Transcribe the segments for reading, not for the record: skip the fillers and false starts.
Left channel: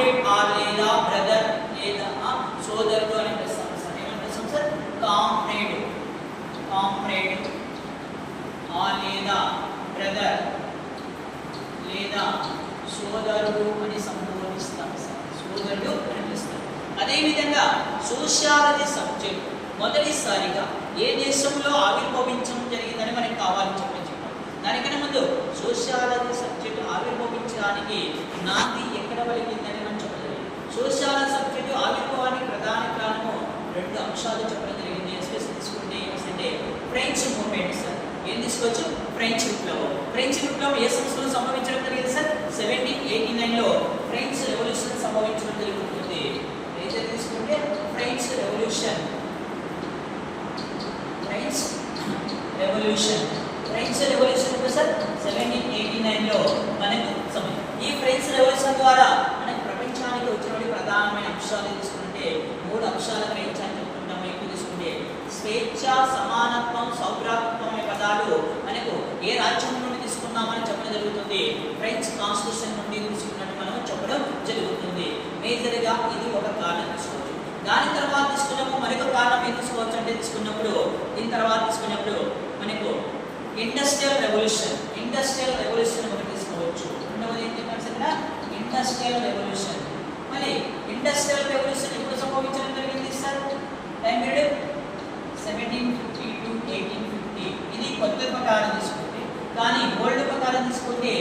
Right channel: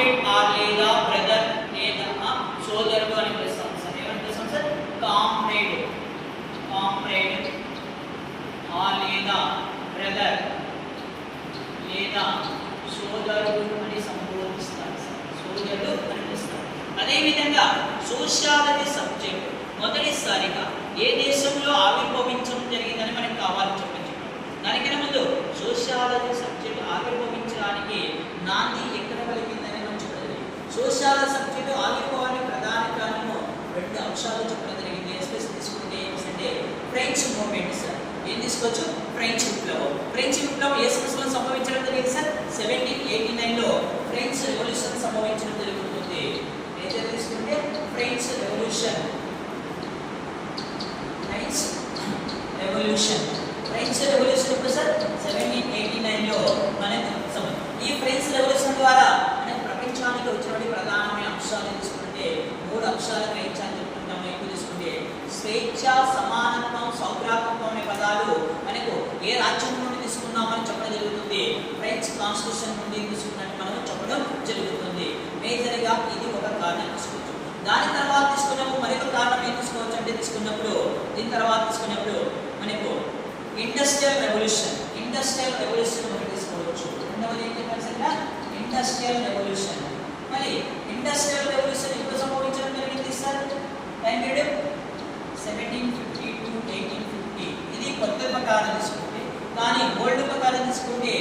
Comrade are లేదా brother లేదా సోదరుడు అని పిలుస్తాం సార్. ఏమని పిలుస్తాం సార్? కామ్రేడ్ ఆర్ లేదా బ్రదర్ లేదా సోదరుడు అని సంబోధిస్తాం సార్. సోదరుడు అని పిలుస్తాం. అదేవిధంగా సోషియాలజీ సబ్జెక్ట్ మొదటిసారిగా ఏ దేశంలో ఆవిర్భవించడం జరిగిందని మనకు కావాలని చెప్పాం. దానికన్నా ముందు సోషియాలజీ సబ్జెక్ట్ ఆవిర్భవించడానికి నాంది ఎక్కడ పలికిందని మనం చెప్పలేదు. సోషియాలజీ సబ్జెక్టు ఆవిర్భావానికి ప్రధాన కారణము రెండు అంశాలు చెప్పడం జరిగింది. ఎస్పెషల్ తీసుకుంటే అంటే ఫ్రెంచ్ మూవ్మెంట్ సార్. ఏం తీసుకోవచ్చు? ఫ్రెంచ్ విప్లవం. ఫ్రెంచ్ విప్లవం ఏ సంవత్సరంలో సంభవించడం జరిగింది సార్? 1789లో ఫ్రెంచ్ రెవల్యూషన్ సంభవించడం జరుగుతుంది. ఏం తీసుకుంటే ఫ్రెంచ్ రెవల్యూషన్ ఎప్పుడు సార్? 1789లో మనకు ఈ ఫ్రెంచ్ రెవల్యూషన్ ద్వారా మనకు ప్రపంచానికి వచ్చినటువంటి ప్రధానమైన అంశాలు తీసుకుంటే 3 అంశాలు గ్రహించాలని చెప్పుకుంటాము. ఎక్కువ తీసుకుంటే స్వేచ్ఛ, సమానత్వం, సౌభ్రాతత్వం అనే పదాలు మనకు ఏ రాజ్యం నుండి తీసుకున్నామని చెప్పడం జరుగుతుంది. ఫ్రెంచ్ కాన్స్టిట్యూషన్ నుండి తీసుకున్నట్టు మనం చెప్పడం జరుగుతుంది. మేజర్గా ఇది ఒక కారణం తీసుకోవచ్చు. దాని తర్వాత తీసుకున్నప్పుడు మరొక కారణం ఏం తీసుకోవచ్చు అంటే దీని తర్వాత తీసుకున్నప్పుడు మనకు ఇండస్ట్రియల్ రెవల్యూషన్ మనం తీసుకోవచ్చు. రెండవది ఏం చెప్పారు సార్? Industrial revolution. మళ్ళీ ఇండస్ట్రియల్ రెవల్యూషన్ ఎప్పుడు సంభవించడం జరిగింది సార్? Time period 1750 to 1850. ఇది కొత్త ప్రకారం తీసుకుంటే, కానీ ఓల్డ్ ప్రకారం తీసుకుంటే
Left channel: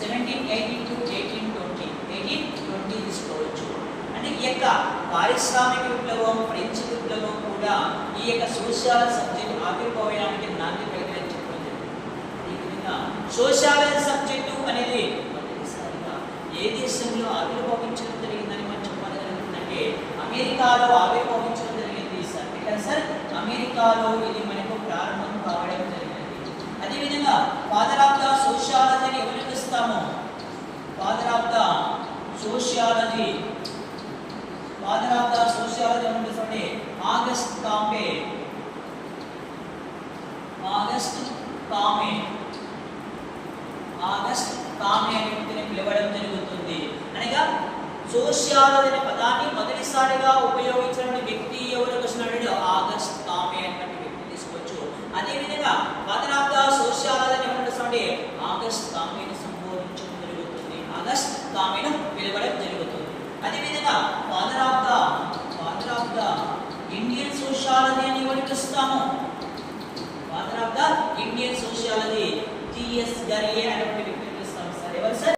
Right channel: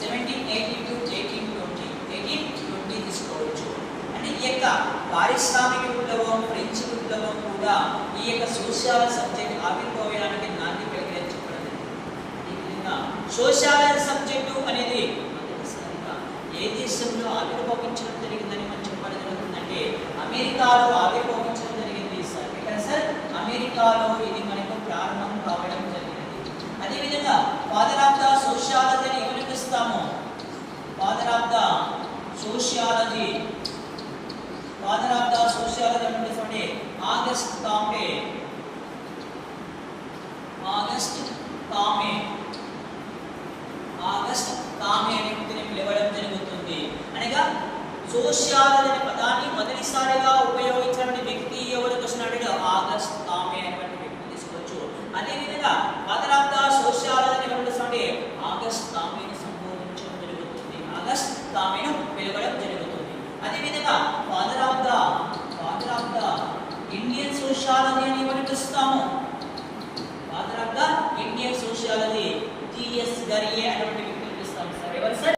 1780 to 1820 తీసుకోవచ్చు. అంటే ఈ యొక్క పారిశ్రామిక విప్లవం, ఫ్రెంచ్ విప్లవం కూడా ఈ యొక్క సోషియాలజీ సబ్జెక్ట్ ఆవిర్భావానికి నాంది పలికినని చెప్పడం జరిగింది. ఈ విధంగా సోషియాలజీ సబ్జెక్టు అనేది మొదటిసారిగా ఏ దేశంలో ఆవిర్భవించడం జరిగిందని మనం చెప్పడం జరుగుతుందంటే అమెరికాలో ఆవిర్భవించడం జరిగింది సార్. ఎక్కడ సార్? అమెరికాలో ఇది మనకు ప్రారంభం కావడం జరిగింది. అదేవిధంగా ఫాదర్ ఆఫ్ ద సోషియాలజీని ఎవరు పిలుస్తాము? ఫాదర్ ఆఫ్ ద సోషియాలజీ అంటే ఆగస్ట్ కామే అనే వ్యక్తిని పిలవడం జరుగుతుంది. అనగా సోషియాలజీ అనే పదాన్ని మొదటిసారిగా ఉపయోగించిన వ్యక్తి ఎవరు చూసినాడు? ఆగస్ట్ కామే అనే వ్యక్తి తీసుకోవచ్చు. అదేవిధంగా ఫాదర్ ఆఫ్ ద సోషియాలజీ ఏమంటే ఆగస్ట్ కామేను సంబోధించడం జరుగుతుంది. ఆగస్ట్ కామేను పిలవడం జరుగుతుంది. అదేవిధంగా father of the Indian sociology అని ఎవరు పిలుస్తాము? Father of the Indian sociology GS గరియే అనేటువంటి వ్యక్తిని పిలుస్తాము సార్. ఎవరు సార్?